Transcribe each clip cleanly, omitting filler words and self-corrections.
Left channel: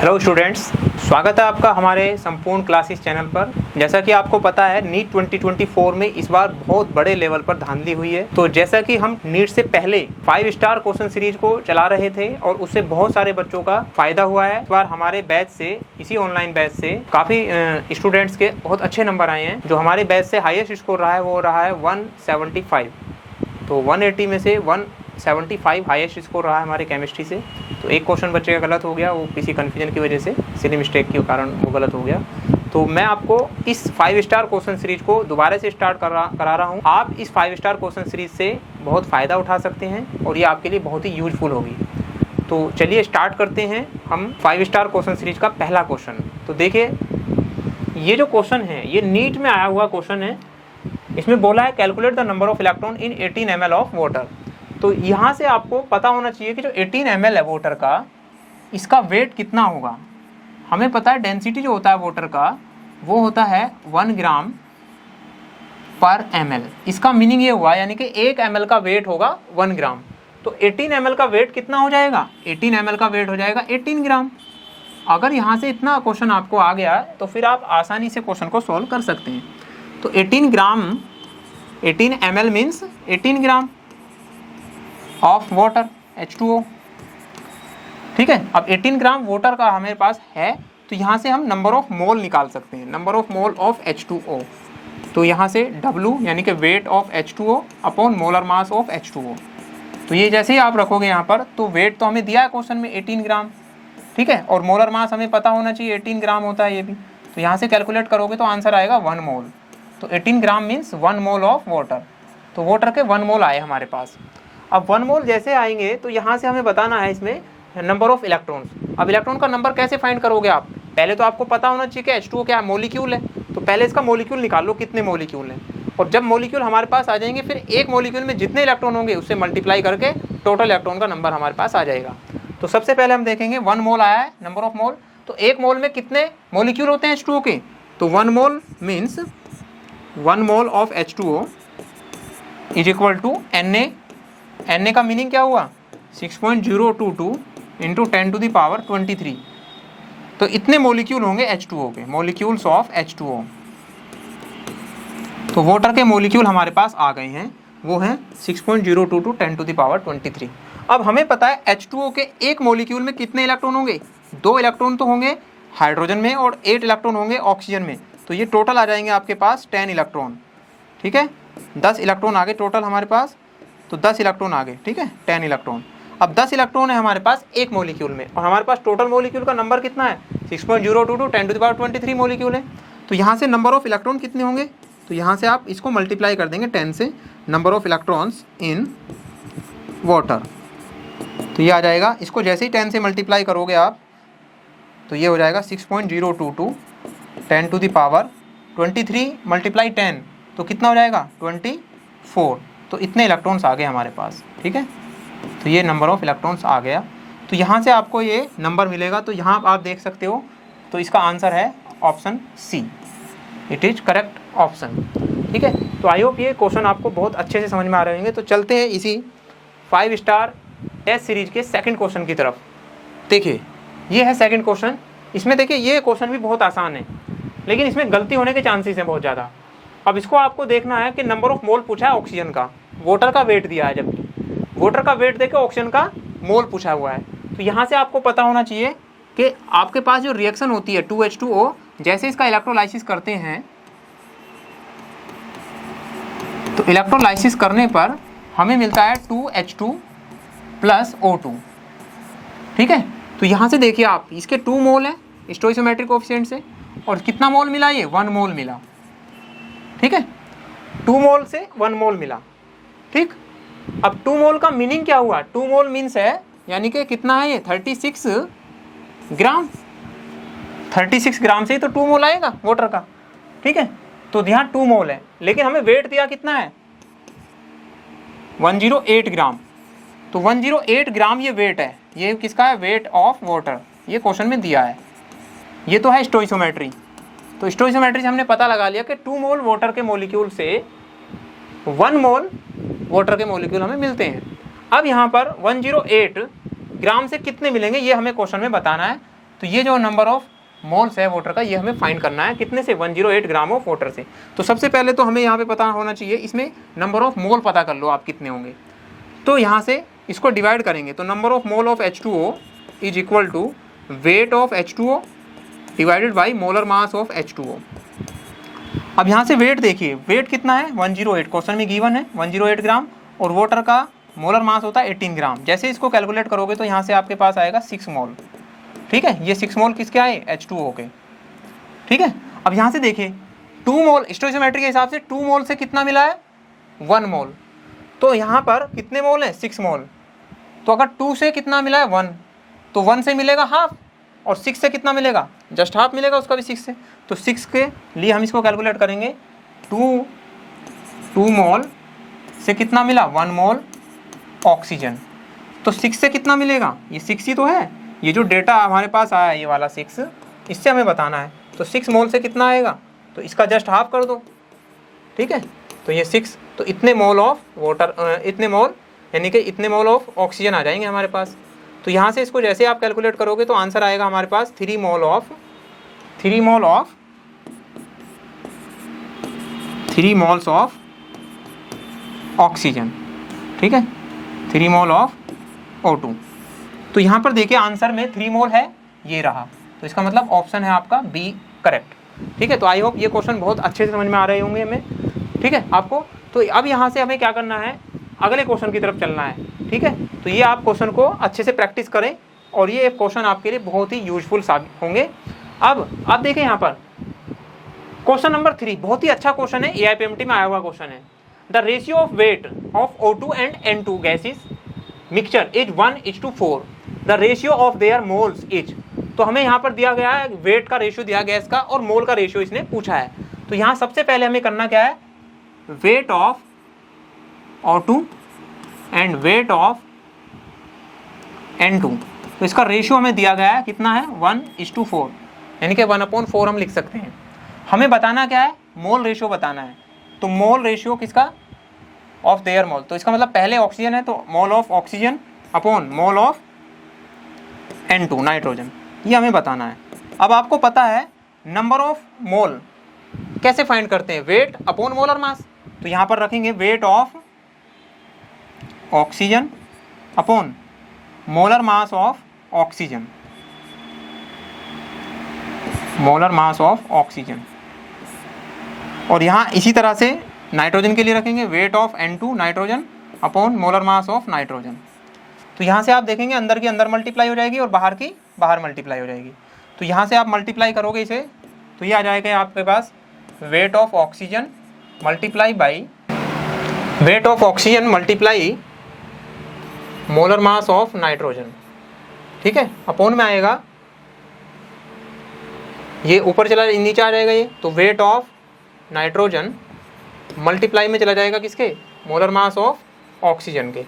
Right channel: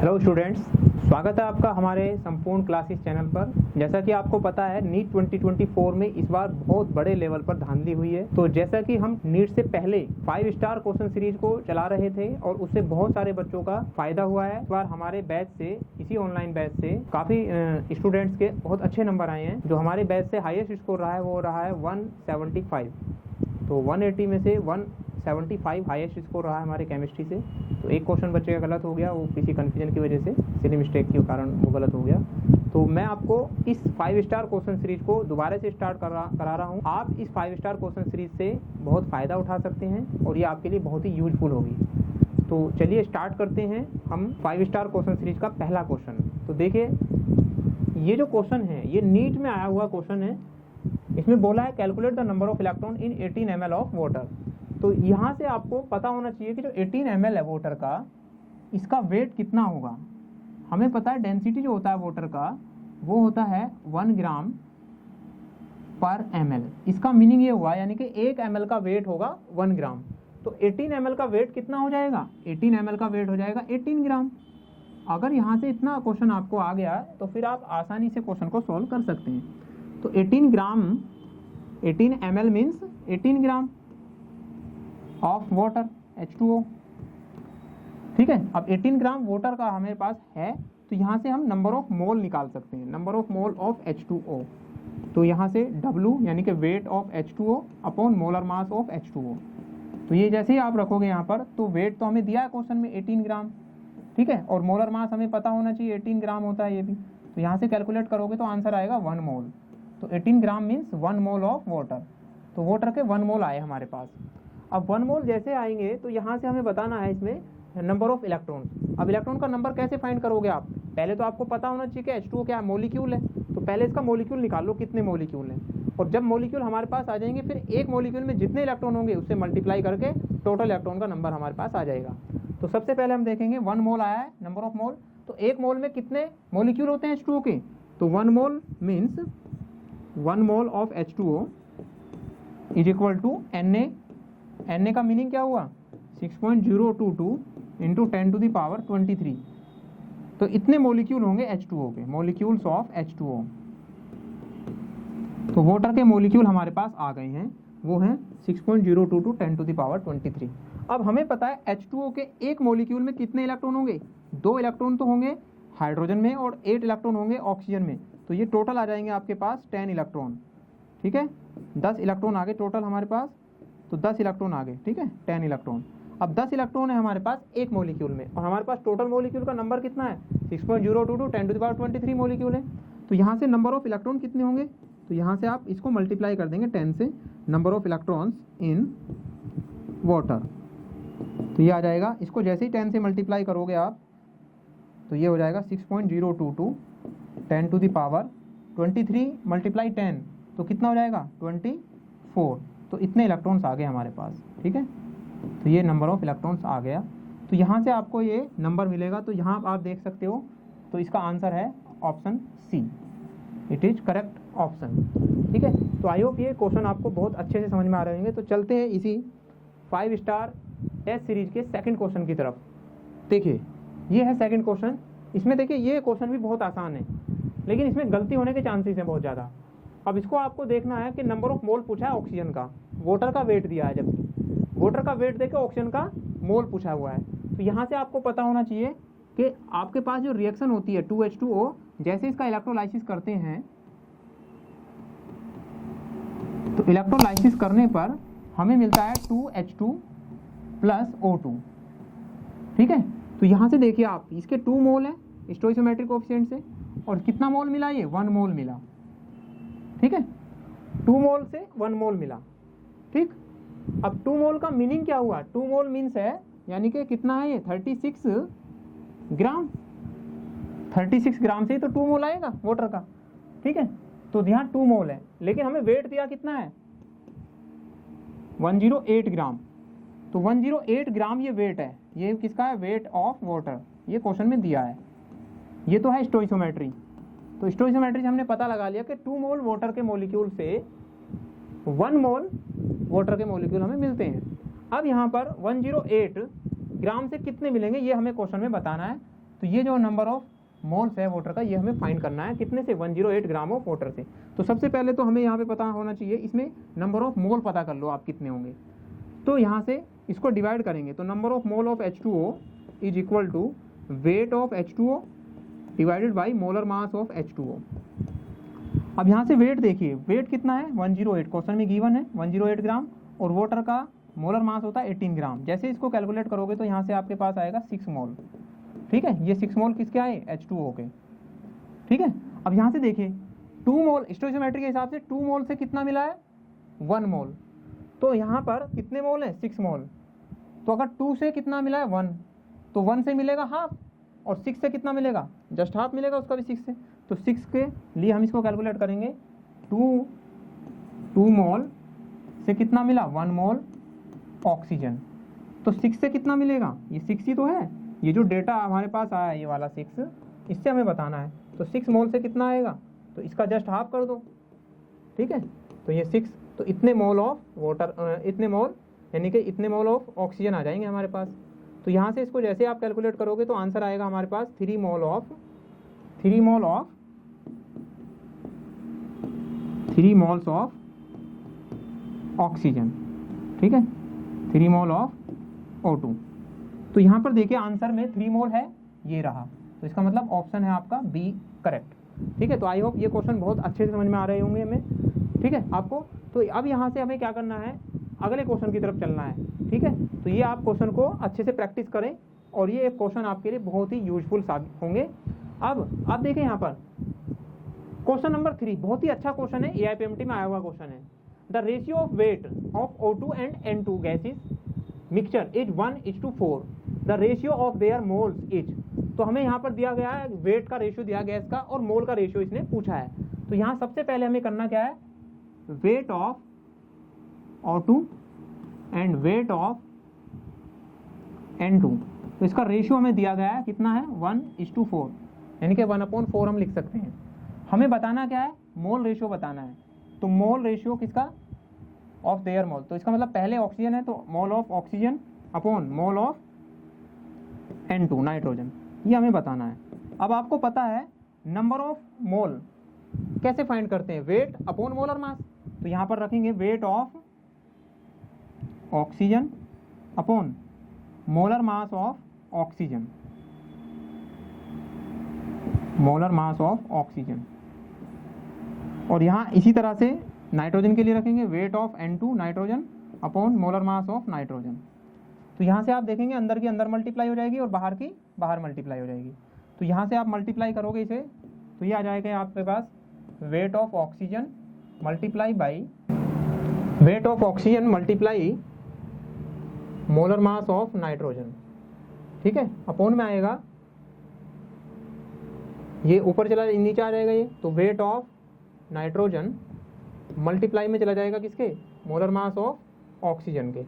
Hello students, स्वागत है आपका हमारे संपूर्ण क्लासेस चैनल पर। जैसा कि आपको पता है नीट 2024 में इस बार बहुत बड़े लेवल पर धांधली हुई है। तो जैसा कि हम नीट से पहले 5 स्टार क्वेश्चन सीरीज को चला रहे थे और उससे बहुत सारे बच्चों का फायदा हुआ है। इस बार हमारे बैच से, इसी ऑनलाइन बैच से काफ़ी स्टूडेंट्स के बहुत अच्छे नंबर आए हैं। जो हमारे बैच से हाईएस्ट स्कोर रहा है वो रहा है 175। तो 180 में से 175 हाईएस्ट स्कोर रहा है हमारे केमिस्ट्री से। तो एक क्वेश्चन बच्चे का गलत हो गया, वो किसी कन्फ्यूजन की वजह से, सिली मिस्टेक के कारण वो गलत हो गया। तो मैं आपको इस 5 स्टार क्वेश्चन सीरीज को दोबारा से स्टार्ट करा रहा हूँ। आप इस 5 स्टार क्वेश्चन सीरीज से बहुत फ़ायदा उठा सकते हैं और ये आपके लिए बहुत ही यूजफुल होगी। तो चलिए स्टार्ट करते हैं हम 5 स्टार क्वेश्चन सीरीज का पहला क्वेश्चन। तो देखिए, ये जो क्वेश्चन है ये नीट में आया हुआ क्वेश्चन है। इसमें बोला है calculate the number of electron in 18 ml of water. तो यहाँ से आपको पता होना चाहिए कि जो 18 ml है वाटर का, इसका वेट कितना होगा। हमें पता है डेंसिटी जो होता है वाटर का वो होता है 1 ग्राम पर ml। इसका मीनिंग ये हुआ यानी कि 1 ml का वेट होगा 1 ग्राम। तो 18 ml का वेट कितना हो जाएगा? 18 ml का वेट हो जाएगा 18 ग्राम। अगर यहाँ से इतना क्वेश्चन आपको आ गया तो फिर आप आसानी से क्वेश्चन को सॉल्व कर सकते हैं। तो 18 ग्राम, 18 ml means 18 gram of water H2O। ठीक है, अब 18 ग्राम वाटर का हमारे पास है तो यहाँ से हम नंबर ऑफ मोल निकाल सकते हैं, number of mole of H2O। तो यहाँ से W यानी कि wait of H2O upon molar mass of H2O। तो ये जैसे ही आप रखोगे यहाँ पर, तो वेट तो हमें दिया है क्वेश्चन में 18 ग्राम, ठीक है, और मोलर मास हमें पता होना चाहिए 18 ग्राम होता है ये भी। तो यहाँ से कैलकुलेट करोगे तो आंसर आएगा 1 मोल। तो 18 gram means 1 mole of water. तो वाटर के 1 मोल आए हमारे पास। अब 1 मोल जैसे आएंगे तो यहाँ से हमें बताना है इसमें नंबर ऑफ इलेक्ट्रॉन्स। अब इलेक्ट्रॉन का नंबर कैसे फाइंड करोगे आप? पहले तो आपको पता होना चाहिए कि H2O क्या है, मोलिक्यूल है। तो पहले इसका मोलिक्यूल निकाल लो, कितने मोलिक्यूल हैं। और जब मोलिक्यूल हमारे पास आ जाएंगे फिर एक मोलिक्यूल में जितने इलेक्ट्रॉन होंगे उससे मल्टीप्लाई करके टोटल इलेक्ट्रॉन का नंबर हमारे पास आ जाएगा। तो सबसे पहले हम देखेंगे 1 मोल आया है, नंबर ऑफ मोल। तो एक मोल में कितने मोलिक्यूल होते हैं H2O के? तो 1 mole means 1 mole of H2O is equal to Na। Na का मीनिंग क्या हुआ? 6.022 इंटू 10 टू द पावर 23। तो इतने मोलिक्यूल होंगे H2O के, मोलिक्यूल्स ऑफ H2O। तो वाटर के मोलिक्यूल हमारे पास आ गए हैं, वो हैं 6.022 10 टू द पावर 23। अब हमें पता है H2O के एक मोलिक्यूल में कितने इलेक्ट्रॉन होंगे? 2 इलेक्ट्रॉन तो होंगे हाइड्रोजन में और 8 इलेक्ट्रॉन होंगे ऑक्सीजन में। तो ये टोटल आ जाएंगे आपके पास 10 इलेक्ट्रॉन, ठीक है, 10 इलेक्ट्रॉन आ गए टोटल हमारे पास। तो 10 इलेक्ट्रॉन आ गए, ठीक है, 10 इलेक्ट्रॉन। अब 10 इलेक्ट्रॉन है हमारे पास एक मोलिक्यूल में और हमारे पास टोटल मोलिक्यूल का नंबर कितना है? 6.022 10 टू द पावर 23 मोलिक्यूल है। तो यहाँ से नंबर ऑफ इलेक्ट्रॉन कितने होंगे? तो यहाँ से आप इसको मल्टीप्लाई कर देंगे 10 से, number of electrons in water. तो ये आ जाएगा, इसको जैसे ही 10 से मल्टीप्लाई करोगे आप तो ये हो जाएगा 6.022 10 टू द पावर 23 मल्टीप्लाई 10 तो कितना हो जाएगा? 24। तो इतने इलेक्ट्रॉन्स आ गए हमारे पास, ठीक है। तो ये नंबर ऑफ इलेक्ट्रॉन्स आ गया। तो यहाँ से आपको ये नंबर मिलेगा। तो यहाँ आप देख सकते हो, तो इसका आंसर है option C, it is correct option, ठीक है। तो आई होप ये क्वेश्चन आपको बहुत अच्छे से समझ में आ रहे होंगे। तो चलते हैं इसी 5 स्टार टेस्ट सीरीज के सेकंड क्वेश्चन की तरफ। देखिए, ये है सेकंड क्वेश्चन। इसमें देखिए ये क्वेश्चन भी बहुत आसान है, लेकिन इसमें गलती होने के चांसेस हैं बहुत ज़्यादा। अब इसको आपको देखना है कि नंबर ऑफ मोल पूछा है ऑक्सीजन का, वाटर का वेट दिया है, जबकि वाटर का वेट देके ऑक्सीजन का मोल पूछा हुआ है। तो यहाँ से आपको पता होना चाहिए कि आपके पास जो रिएक्शन होती है 2H2O, जैसे इसका इलेक्ट्रोलाइसिस करते हैं तो इलेक्ट्रोलाइसिस करने पर हमें मिलता है 2H2 प्लस O2, ठीक है। तो यहाँ से देखिए आप, इसके 2 मोल है स्टोइकोमेट्रिक कोएफिशिएंट से, और कितना मोल मिला? ये 1 मोल मिला, ठीक है। 2 मोल से 1 मोल मिला, ठीक। अब 2 मोल का मीनिंग क्या हुआ? 2 मोल मीन्स है यानी कि कितना है ये? 36 ग्राम। 36 ग्राम से ही तो 2 मोल आएगा वाटर का, ठीक है। तो यहाँ 2 मोल है, लेकिन हमें वेट दिया कितना है? 108 ग्राम। तो 108 ग्राम ये वेट है, ये किसका है? वेट ऑफ वाटर, ये क्वेश्चन में दिया है। ये तो है स्टोइकोमेट्री। तो स्टोइकोमेट्री से हमने पता लगा लिया कि 2 मोल वाटर के मोलिक्यूल से 1 मोल वाटर के मोलिक्यूल हमें मिलते हैं। अब यहाँ पर 108 ग्राम से कितने मिलेंगे ये हमें क्वेश्चन में बताना है। तो ये जो नंबर ऑफ मोल्स है वाटर का, ये हमें फाइंड करना है कितने से, 108 ग्राम ऑफ वाटर से। तो सबसे पहले तो हमें यहाँ पे पता होना चाहिए, इसमें नंबर ऑफ मोल पता कर लो आप कितने होंगे। तो यहाँ से इसको डिवाइड करेंगे, तो number of mole of H2O is equal to weight of H2O divided by molar mass of H2O। अब यहाँ से वेट देखिए, वेट कितना है 108, क्वेश्चन में गिवन है 108 ग्राम, और वाटर का मोलर मास होता है 18 ग्राम। जैसे इसको कैलकुलेट करोगे तो यहाँ से आपके पास आएगा 6 मोल। ठीक है, ये 6 मोल किसके आए, H2O के। ठीक है, अब यहाँ से देखिए 2 मोल स्टोइकोमेट्री के हिसाब से 2 मोल से कितना मिला है, 1 मोल। तो यहाँ पर कितने मोल है, 6 मोल। तो अगर 2 से कितना मिला है 1, तो 1 से मिलेगा हाफ, और 6 से कितना मिलेगा, जस्ट हाफ मिलेगा उसका भी 6 से। तो 6 के लिए हम इसको कैलकुलेट करेंगे, 2 मोल से कितना मिला, 1 मोल ऑक्सीजन। तो 6 से कितना मिलेगा, ये 6 ही तो है, ये जो डेटा हमारे पास आया है ये वाला 6, इससे हमें बताना है। तो 6 मोल से कितना आएगा, तो इसका जस्ट हाफ कर दो। ठीक है, तो ये 6, तो इतने मोल ऑफ वाटर, इतने मोल यानी कि इतने मोल ऑफ ऑक्सीजन आ जाएंगे हमारे पास। तो यहाँ से इसको जैसे आप कैलकुलेट करोगे तो आंसर आएगा हमारे पास 3 mole of 3 moles of oxygen. ठीक है, 3 मोल ऑफ O2। तो यहाँ पर देखिए आंसर में 3 मोल है, ये रहा, तो इसका मतलब ऑप्शन है आपका बी करेक्ट। ठीक है, तो आई होप ये क्वेश्चन बहुत अच्छे से समझ में आ रहे होंगे हमें। ठीक है आपको, तो अब यहाँ से हमें क्या करना है, अगले क्वेश्चन की तरफ चलना है। ठीक है, तो ये आप क्वेश्चन को अच्छे से प्रैक्टिस करें, और ये क्वेश्चन आपके लिए बहुत ही यूजफुल साबित होंगे। अब आप देखें यहाँ पर क्वेश्चन नंबर 3 बहुत ही अच्छा क्वेश्चन है, AIPMT में आया हुआ क्वेश्चन है। The ratio of weight of O2 and N2 gases mixture is 1:4, the ratio of their moles is. तो हमें यहाँ पर दिया गया है वेट का रेशियो दिया गया इसका, और मोल का रेशियो इसने पूछा है। तो यहाँ सबसे पहले हमें करना क्या है, weight of O2 and weight of N2, तो इसका रेशियो हमें दिया गया है कितना है, 1:4, यानी कि 1/4 हम लिख सकते हैं। हमें बताना क्या है, मोल रेशियो बताना है। तो मोल रेशियो किसका, ऑफ देयर मोल, तो इसका मतलब पहले ऑक्सीजन है तो mole of oxygen upon mole of N2 nitrogen, ये हमें बताना है। अब आपको पता है नंबर ऑफ मोल कैसे फाइंड करते हैं, वेट अपॉन मोलर मास। तो यहाँ पर रखेंगे wait of oxygen upon molar mass of oxygen, molar mass of oxygen. और यहाँ इसी तरह से नाइट्रोजन के लिए रखेंगे weight of N2 nitrogen upon molar mass of nitrogen. तो यहाँ से आप देखेंगे अंदर की अंदर मल्टीप्लाई हो जाएगी और बाहर की बाहर मल्टीप्लाई हो जाएगी। तो यहाँ से आप मल्टीप्लाई करोगे इसे, तो ये आ जाएगा आपके पास weight of oxygen multiply by weight of oxygen multiply molar mass of nitrogen. ठीक है, अपॉन में आएगा, ये ऊपर चला नीचे आ जाएगा ये, तो वेट ऑफ नाइट्रोजन मल्टीप्लाई में चला जाएगा किसके, मोलर मास ऑफ ऑक्सीजन के।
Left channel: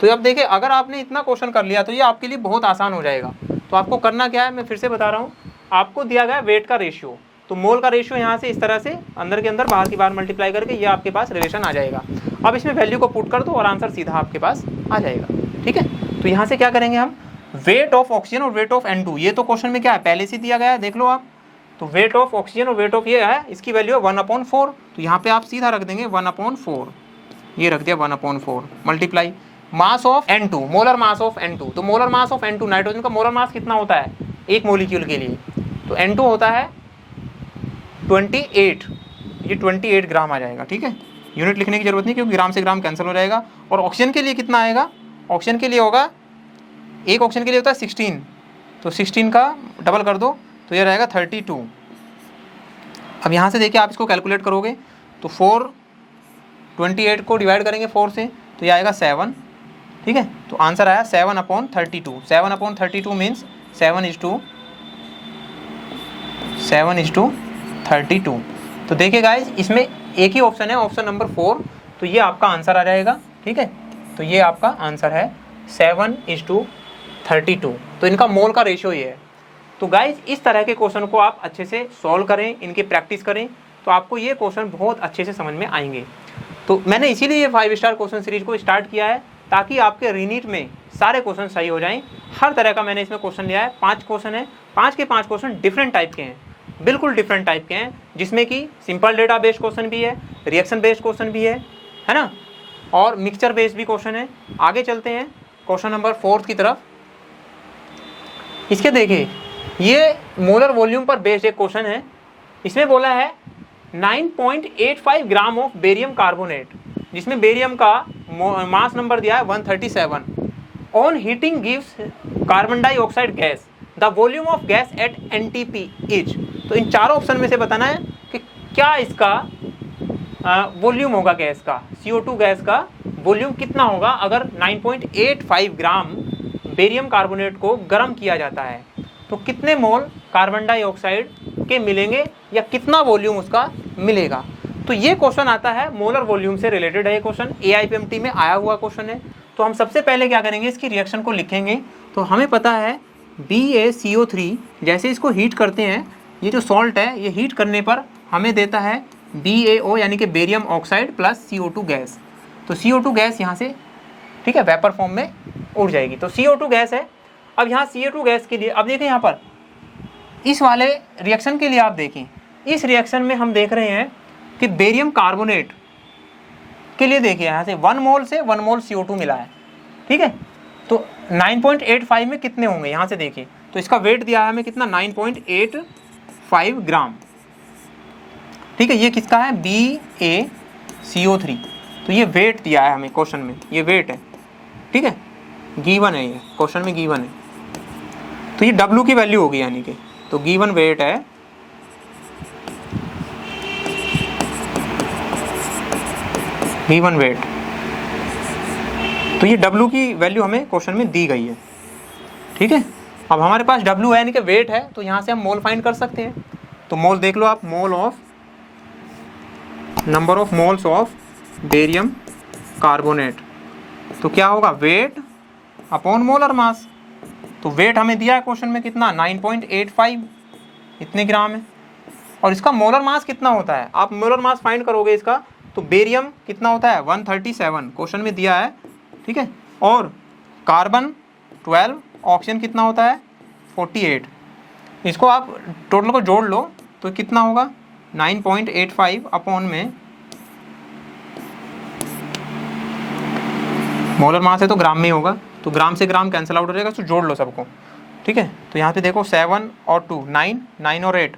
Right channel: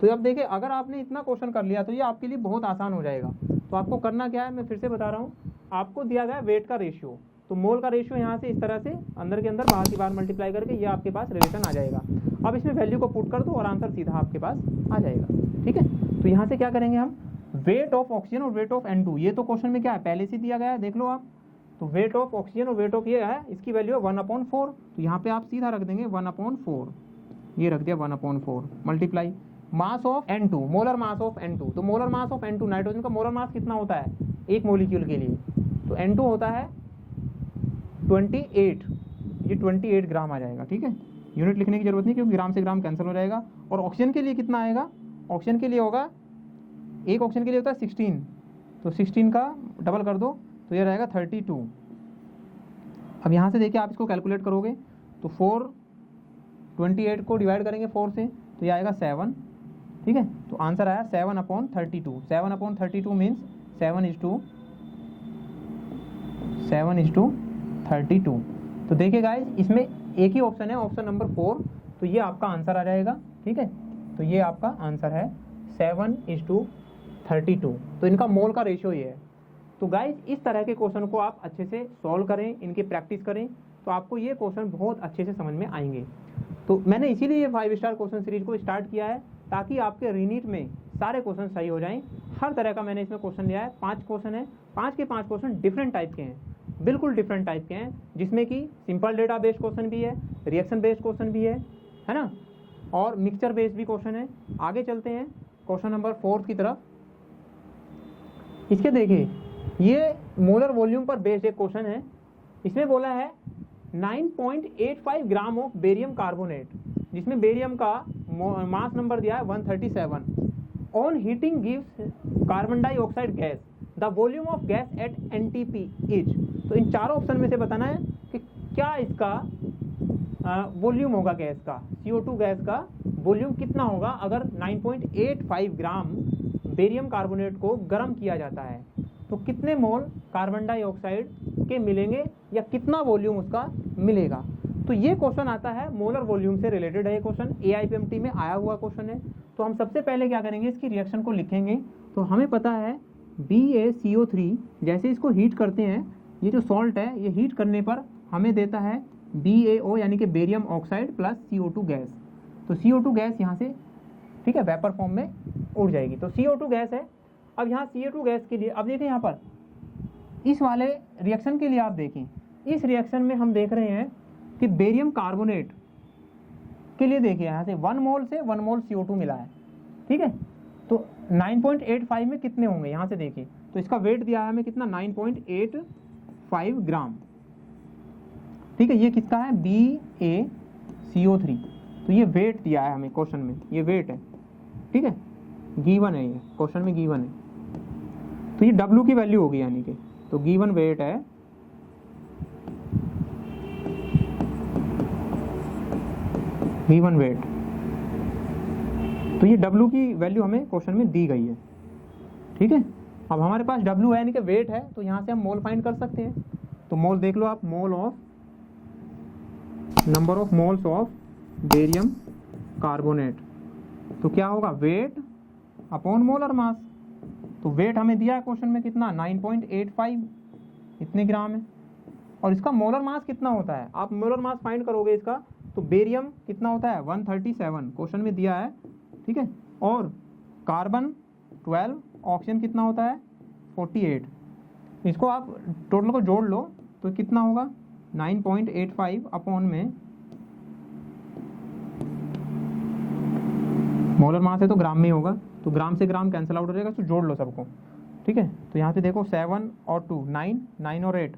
तो अब देखिए अगर आपने इतना क्वेश्चन कर लिया तो ये आपके लिए बहुत आसान हो जाएगा। तो आपको करना क्या है, मैं फिर से बता रहा हूँ, आपको दिया गया वेट का रेशियो, तो मोल का रेशियो यहाँ से इस तरह से अंदर के अंदर बाहर की बाहर मल्टीप्लाई करके ये आपके पास रिलेशन आ जाएगा। अब इसमें वैल्यू को पुट कर दो और आंसर सीधा आपके पास आ जाएगा। ठीक है, तो यहाँ से क्या करेंगे हम, वेट ऑफ ऑक्सीजन और वेट ऑफ N2, ये तो क्वेश्चन में क्या है पहले से दिया गया है, देख लो आप। तो वेट ऑफ ऑक्सीजन और वेट ऑफ ये है, इसकी वैल्यू है 1/4, तो यहाँ पे आप सीधा रख देंगे 1/4, ये रख दिया 1/4 multiply mass of N2, molar mass of N2। तो molar mass of N2, nitrogen का मोलर मास कितना होता है एक मोलिक्यूल के लिए, तो N2 होता है 28, ये 28 ग्राम आ जाएगा। ठीक है, यूनिट लिखने की जरूरत नहीं क्योंकि ग्राम से ग्राम कैंसिल हो जाएगा। और ऑक्सीजन के लिए कितना आएगा, ऑक्सीजन के लिए होगा, एक ऑक्सीजन के लिए होता है 16, तो 16 का डबल कर दो तो ये रहेगा 32। अब यहाँ से देखिए आप इसको कैलकुलेट करोगे तो 28 को डिवाइड करेंगे 4 से तो ये आएगा 7। ठीक है, तो आंसर आया 7/32। 7/32 मीन्स 7:32। तो देखिए गाइज इसमें एक ही ऑप्शन है, ऑप्शन नंबर 4, तो ये आपका आंसर आ जाएगा। ठीक है, तो ये आपका आंसर है 7:32। तो इनका मोल का रेशियो ये है। तो गाइज इस तरह के क्वेश्चन को आप अच्छे से सॉल्व करें, इनकी प्रैक्टिस करें, तो आपको ये क्वेश्चन बहुत अच्छे से समझ में आएंगे। तो मैंने इसीलिए ये 5 स्टार क्वेश्चन सीरीज को स्टार्ट किया है ताकि आपके रीनीट में सारे क्वेश्चन सही हो जाएं। हर तरह का मैंने इसमें क्वेश्चन लिया है, 5 क्वेश्चन है, 5 के 5 क्वेश्चन डिफरेंट टाइप के हैं, बिल्कुल डिफरेंट टाइप के हैं, जिसमें कि सिंपल डेटा बेस्ड क्वेश्चन भी है, रिएक्शन बेस्ड क्वेश्चन भी है ना, और मिक्सचर बेस्ड भी क्वेश्चन है। आगे चलते हैं क्वेश्चन नंबर 4 की तरफ। इसके देखिए, ये मोलर वॉल्यूम पर बेस्ड एक क्वेश्चन है। इसमें बोला है 9.85 ग्राम ऑफ बेरियम कार्बोनेट, जिसमें बेरियम का मास नंबर दिया है 137, on heating gives carbon dioxide gas, the volume of gas at NTP is. तो इन चारों ऑप्शन में से बताना है कि क्या इसका वॉल्यूम होगा गैस का, CO2 गैस का वॉल्यूम कितना होगा अगर 9.85 ग्राम बेरियम कार्बोनेट को गर्म किया जाता है, तो कितने मोल कार्बन डाइऑक्साइड के मिलेंगे या कितना वॉल्यूम उसका मिलेगा। तो ये क्वेश्चन आता है मोलर वॉल्यूम से रिलेटेड है। ये क्वेश्चन AIPMT में आया हुआ क्वेश्चन है। तो हम सबसे पहले क्या करेंगे, इसकी रिएक्शन को लिखेंगे। तो हमें पता है BaCO3, जैसे इसको हीट करते हैं, ये जो सॉल्ट है ये हीट करने पर हमें देता है BaO यानी कि barium oxide plus CO2 gas. तो CO2 गैस यहाँ से, ठीक है, वेपर फॉर्म में उड़ जाएगी। तो CO2 गैस है। अब यहाँ CO2 गैस के लिए, अब देखें यहाँ पर इस वाले रिएक्शन के लिए, आप देखें इस रिएक्शन में हम देख रहे हैं कि बेरियम कार्बोनेट के लिए देखिए यहाँ से 1 मोल से 1 मोल CO2 मिला है, ठीक है। तो 9.85 में कितने होंगे, यहाँ से देखिए, तो इसका वेट दिया है हमें कितना, 9.85 ग्राम, ठीक है। ये किसका है, BaCO3। तो ये वेट दिया है हमें क्वेश्चन में, ये वेट है, ठीक है, गिवन है, ये क्वेश्चन में गिवन है। तो ये W की वैल्यू होगी, यानी कि तो गिवन वेट है गिवन वेट। तो ये W की वैल्यू हमें क्वेश्चन में दी गई है, ठीक है। अब हमारे पास W है यानी कि वेट है, तो यहाँ से हम मोल फाइंड कर सकते हैं। तो मोल देख लो आप, mole of number of moles of barium carbonate, तो क्या होगा, वेट अपॉन मोलर मास। तो वेट हमें दिया है क्वेश्चन में कितना, 9.85 इतने ग्राम है, और इसका मोलर मास कितना होता है, आप मोलर मास फाइंड करोगे इसका, तो बेरियम कितना होता है 137 क्वेश्चन में दिया है, ठीक है, और कार्बन 12, ऑक्सीजन कितना होता है 48। इसको आप टोटल को जोड़ लो तो कितना होगा 9.85 अपॉन में मोलर मास है तो ग्राम में होगा, तो ग्राम से ग्राम कैंसिल आउट हो जाएगा, तो जोड़ लो सबको, ठीक है। तो यहाँ पे देखो 7 और 2 9, 9 और 8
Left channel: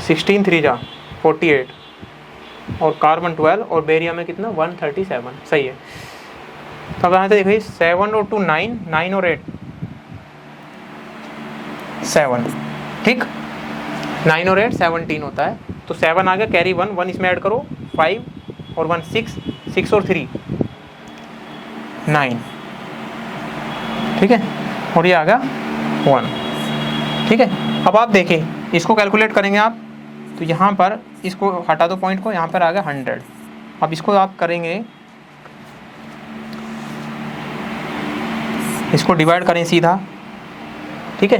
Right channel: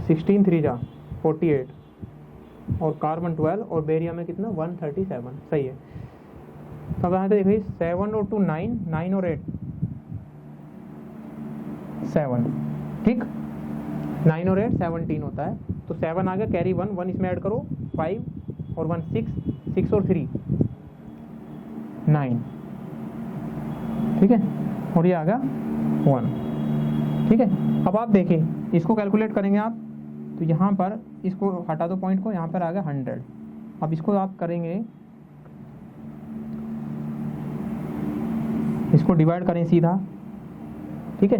16 3 जा 48, और कार्बन 12 और बेरियम में कितना 137, सही है। तो अब यहाँ से देखिए 7 और 2 9, 9 और 8 7, ठीक, 9 और 8 17 होता है। तो 7 आ गया, कैरी 1, 1 इसमें ऐड करो, 5 और 1 6, 6 और 3 9, ठीक है, और ये आ गया 1, ठीक है। अब आप देखिए इसको कैलकुलेट करेंगे आप, तो यहाँ पर इसको हटा दो पॉइंट को, यहाँ पर आ गया 100। अब इसको आप करेंगे, इसको डिवाइड करें सीधा, ठीक है।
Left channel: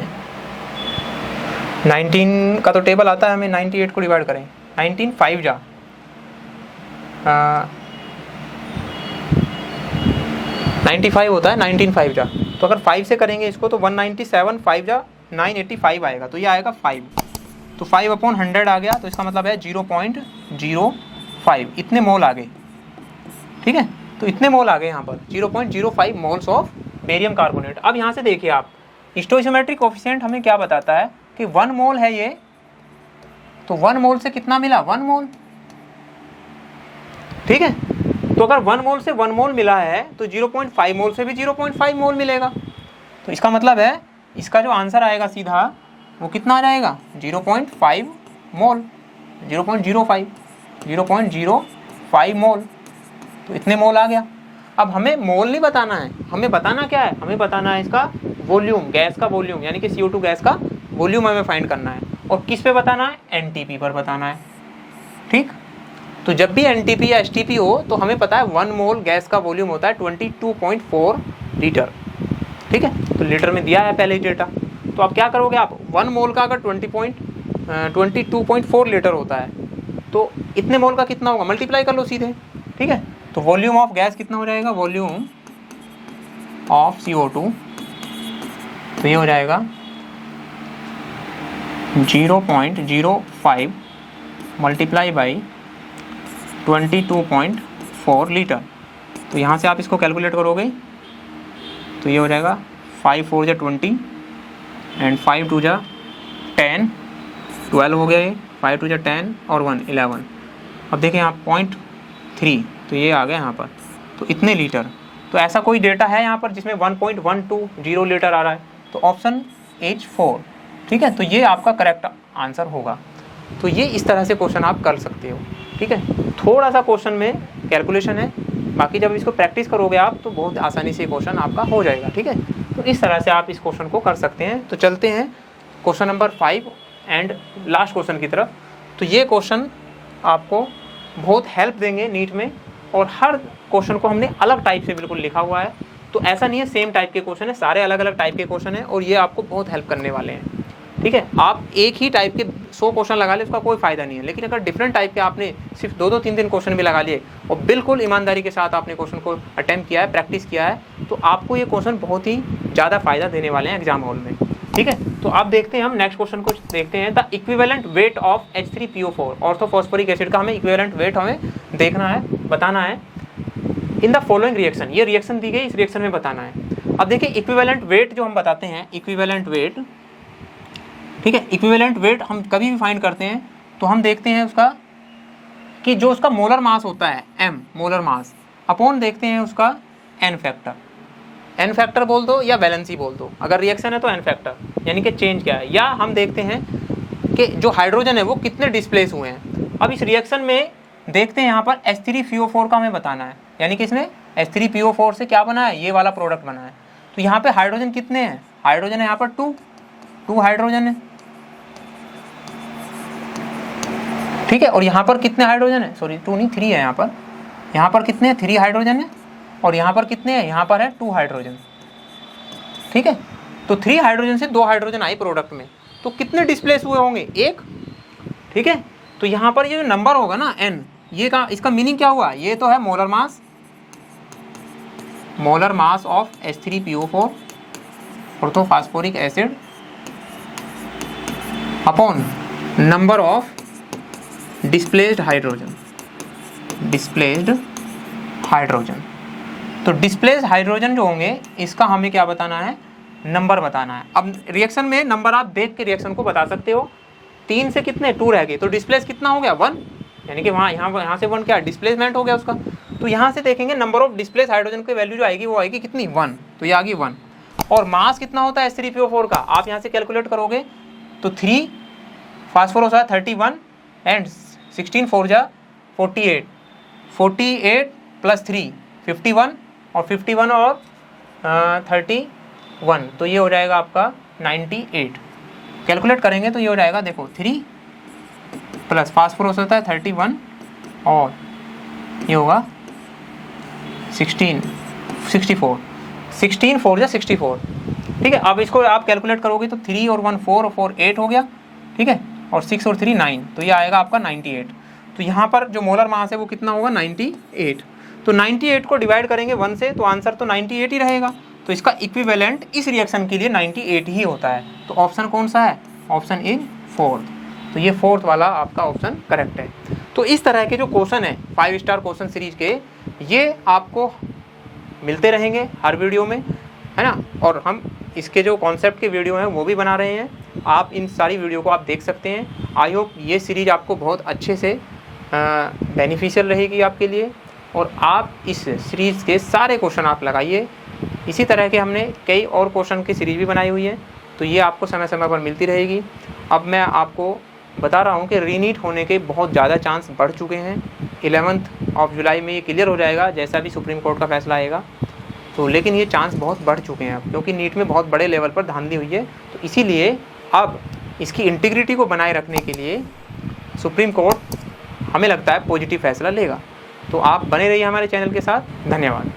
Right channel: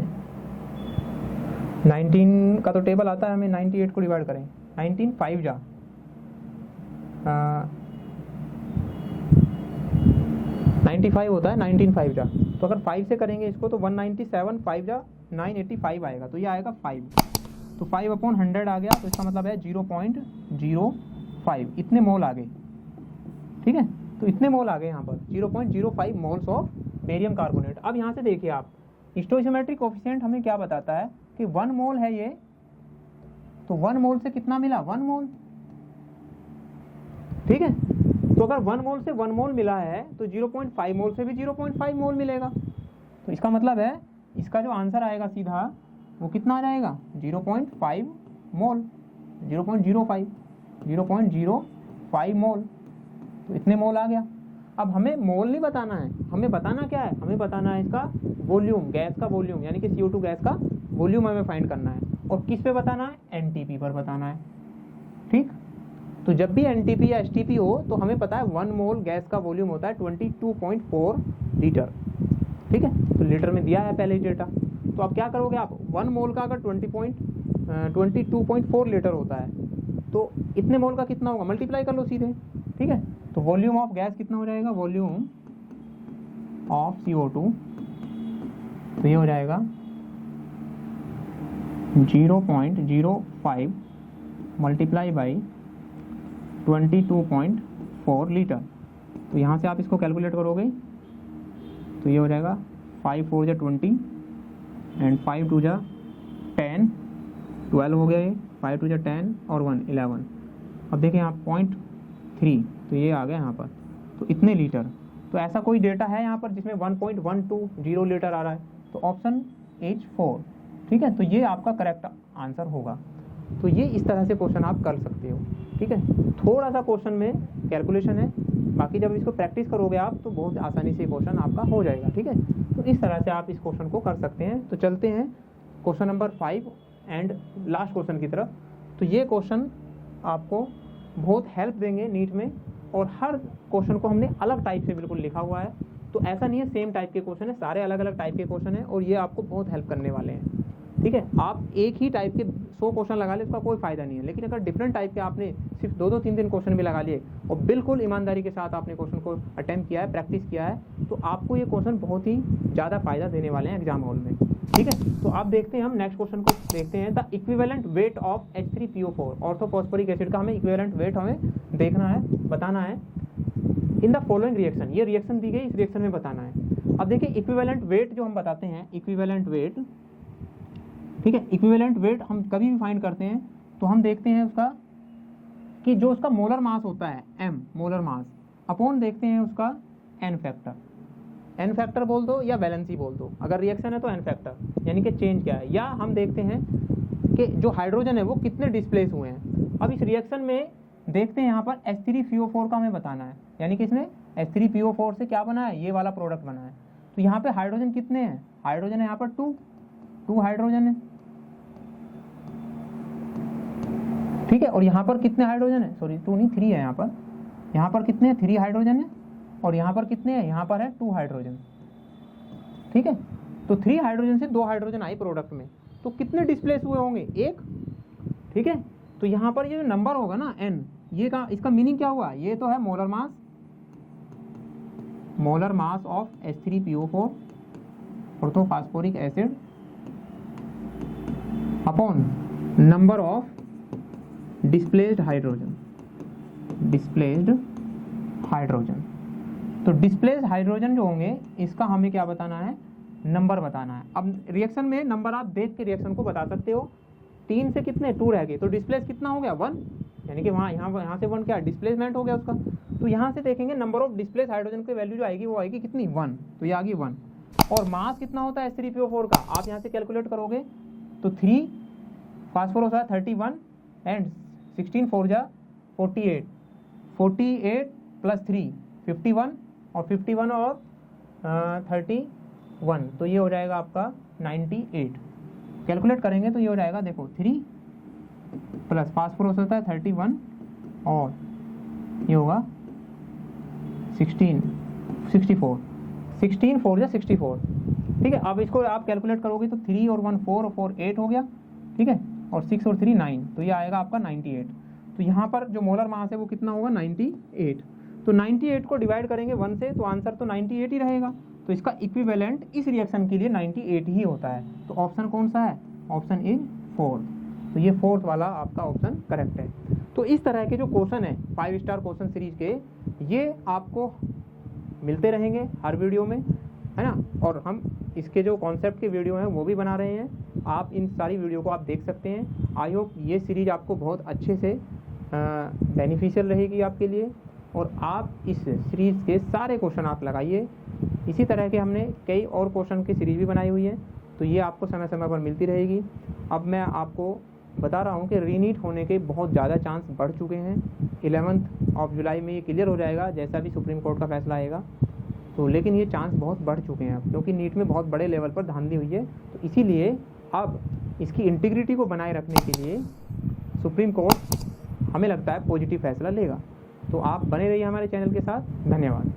19 का तो टेबल आता है हमें, 98 को डिवाइड करें, 19 5 जा 95 होता है, 19 5 जा, तो अगर 5 से करेंगे इसको तो 197, 5 जा 985 आएगा, तो ये आएगा 5। तो 5 अपॉन 100 आ गया, तो इसका मतलब है 0.05 इतने मोल आ गए, ठीक है। तो इतने मोल आ गए यहाँ पर 0.05 मोल्स ऑफ बेरियम कार्बोनेट। अब यहाँ से देखिए आप, स्टोइकोमेट्रिक कोएफिशिएंट हमें क्या बताता है कि 1 मोल है ये, तो 1 मोल से कितना मिला, 1 मोल, ठीक है। तो अगर 1 मोल से 1 मोल मिला है तो 0.5 मोल से भी 0.5 मोल मिलेगा। तो इसका मतलब है इसका जो आंसर आएगा सीधा वो कितना आ जाएगा 0.5 मोल, 0.05 मोल, तो इतने मोल आ गया। अब हमें मोल नहीं बताना है, हमें बताना क्या है, हमें बताना है इसका वॉल्यूम, गैस का वॉल्यूम, यानी कि CO2 गैस का वॉल्यूम हमें फाइंड करना है। और किस पे बताना है, NTP पर बताना है, ठीक। तो जब भी NTP या STP हो तो हमें पता है 1 मोल गैस का वॉल्यूम होता है 22.4 लीटर, ठीक है। तो लीटर में दिया है पहले ही डेटा। तो आप क्या करोगे, आप 1 मोल का अगर 22.4 लीटर होता है तो इतने मोल का कितना होगा, मल्टीप्लाई कर लो सीधे, ठीक है। तो वॉल्यूम ऑफ गैस कितना हो जाएगा, वॉल्यूम ऑफ CO2, तो ये हो जाएगा 0.05 मल्टीप्लाई बाई 22.4 लीटर। तो यहाँ से आप इसको कैलकुलेट करोगे तो ये हो जाएगा 5 4 जा 20 एंड 5 2 जा 10, 12 हो गया ये, 5 2 जा 10 और 1 11। अब देखें यहाँ 0.3, तो ये आ गया यहाँ पर, तो इतने लीटर। तो ऐसा कोई डेटा है यहाँ पर जिसमें 1.120 लीटर आ रहा है, तो ऑप्शन H 4, ठीक है। तो ये आपका करेक्ट आंसर होगा। तो ये इस तरह से क्वेश्चन आप कर सकते हो, ठीक है। थोड़ा सा क्वेश्चन में कैलकुलेशन है, बाकी जब इसको प्रैक्टिस करोगे आप तो बहुत आसानी से क्वेश्चन आपका हो जाएगा, ठीक है। तो इस तरह से आप इस क्वेश्चन को कर सकते हैं। तो चलते हैं question number 5 and last question की तरफ। तो ये क्वेश्चन आपको बहुत हेल्प देंगे नीट में, और हर क्वेश्चन को हमने अलग टाइप से बिल्कुल लिखा हुआ है। तो ऐसा नहीं है सेम टाइप के क्वेश्चन है, सारे अलग अलग टाइप के क्वेश्चन है, और ये आपको बहुत हेल्प करने वाले हैं, ठीक है। आप एक ही टाइप के 100 क्वेश्चन लगा ले उसका कोई फ़ायदा नहीं है, लेकिन अगर डिफरेंट टाइप के आपने सिर्फ 2 3 क्वेश्चन भी लगा लिए और बिल्कुल ईमानदारी के साथ आपने क्वेश्चन को अटेम्प्ट किया है, प्रैक्टिस किया है, तो आपको ये क्वेश्चन बहुत ही ज़्यादा फ़ायदा देने वाले हैं एग्जाम हॉल में, ठीक है। तो आप देखते हैं, हम नेक्स्ट क्वेश्चन को देखते हैं। The equivalent weight of H3PO4 orthophosphoric acid का हमें इक्विवेलेंट वेट हमें देखना है, बताना है इन द फॉलोइंग रिएक्शन। ये रिएक्शन दी गई, इस रिएक्शन में बताना है। अब देखिए इक्विवेलेंट वेट जो हम बताते हैं, इक्विवेलेंट वेट, ठीक है। इक्विवेलेंट वेट हम कभी भी फाइंड करते हैं तो हम देखते हैं उसका कि जो उसका मोलर मास होता है m मोलर मास अपॉन देखते हैं उसका n फैक्टर बोल दो या वैलेंसी बोल दो, अगर रिएक्शन है तो n फैक्टर यानी कि चेंज क्या है, या हम देखते हैं कि जो हाइड्रोजन है वो कितने डिस्प्लेस हुए हैं। अब इस रिएक्शन में देखते हैं यहाँ पर H3PO4 का हमें बताना है, यानी कि इसने H3PO4 से क्या बना है, ये वाला प्रोडक्ट बना है। तो यहाँ पे हाइड्रोजन कितने हैं, हाइड्रोजन है यहाँ पर 2 हाइड्रोजन है, ठीक है। और यहाँ पर कितने हाइड्रोजन है, सॉरी 2 नहीं 3 है यहाँ पर कितने हैं, 3 हाइड्रोजन है, और यहाँ पर कितने हैं, यहाँ पर है 2 हाइड्रोजन, ठीक है। तो 3 हाइड्रोजन से 2 हाइड्रोजन आई प्रोडक्ट में, तो कितने डिस्प्लेस हुए होंगे, 1, ठीक है। तो यहाँ पर ये जो नंबर होगा ना n, ये का इसका मीनिंग क्या हुआ, ये तो है molar mass of H3PO4 orthophosphoric acid upon number of displaced hydrogen. तो डिस्प्लेस्ड हाइड्रोजन जो होंगे इसका हमें क्या बताना है, नंबर बताना है। अब रिएक्शन में नंबर आप देख के रिएक्शन को बता सकते हो। 3 से कितने 2 रह गए, तो डिस्प्लेस कितना हो गया 1, यानी कि वहाँ यहाँ से 1 क्या डिस्प्लेसमेंट हो गया उसका। तो यहाँ से देखेंगे नंबर ऑफ डिस्प्लेस हाइड्रोजन की वैल्यू जो आएगी वो आएगी कितनी 1, तो ये आ गई 1। और मास कितना होता है H3PO4 का, आप यहाँ से कैलकुलेट करोगे तो 3 फास्फोरस है 31 एंड 16 4 जा 48 प्लस 3 51 और 51 और 31, तो ये हो जाएगा आपका 98। कैलकुलेट करेंगे तो ये हो जाएगा, देखो 3 प्लस फास्फोरस होता है 31 और ये होगा 16 4 जा 64, ठीक है। अब इसको आप कैलकुलेट करोगे तो 3 और 1 4 और 4 8 हो गया, ठीक है, और 6 और 3 9, तो ये आएगा आपका 98। तो यहाँ पर जो मोलर मास है वो कितना होगा 98। तो 98 को डिवाइड करेंगे 1 से तो आंसर तो 98 ही रहेगा। तो इसका इक्विवेलेंट इस रिएक्शन के लिए 98 ही होता है। तो ऑप्शन कौन सा है, ऑप्शन इज 4th। तो ये 4th वाला आपका ऑप्शन करेक्ट है। तो इस तरह के जो क्वेश्चन है 5 स्टार क्वेश्चन सीरीज के, ये आपको मिलते रहेंगे हर वीडियो में, है ना। और हम इसके जो कॉन्सेप्ट के वीडियो हैं वो भी बना रहे हैं, आप इन सारी वीडियो को आप देख सकते हैं। आई होप ये सीरीज आपको बहुत अच्छे से बेनिफिशियल रहेगी आपके लिए, और आप इस सीरीज़ के सारे क्वेश्चन आप लगाइए। इसी तरह के हमने कई और क्वेश्चन की सीरीज भी बनाई हुई है, तो ये आपको समय समय पर मिलती रहेगी। अब मैं आपको बता रहा हूँ कि रीनीट होने के बहुत ज़्यादा चांस बढ़ चुके हैं। 11 ऑफ जुलाई में ये क्लियर हो जाएगा जैसा भी सुप्रीम कोर्ट का फैसला आएगा। तो लेकिन ये चांस बहुत बढ़ चुके हैं अब, क्योंकि नीट में बहुत बड़े लेवल पर धांधली हुई है। तो इसीलिए अब इसकी इंटीग्रिटी को बनाए रखने के लिए सुप्रीम कोर्ट हमें लगता है पॉजिटिव फैसला लेगा। तो आप बने रहिए हमारे चैनल के साथ। धन्यवाद।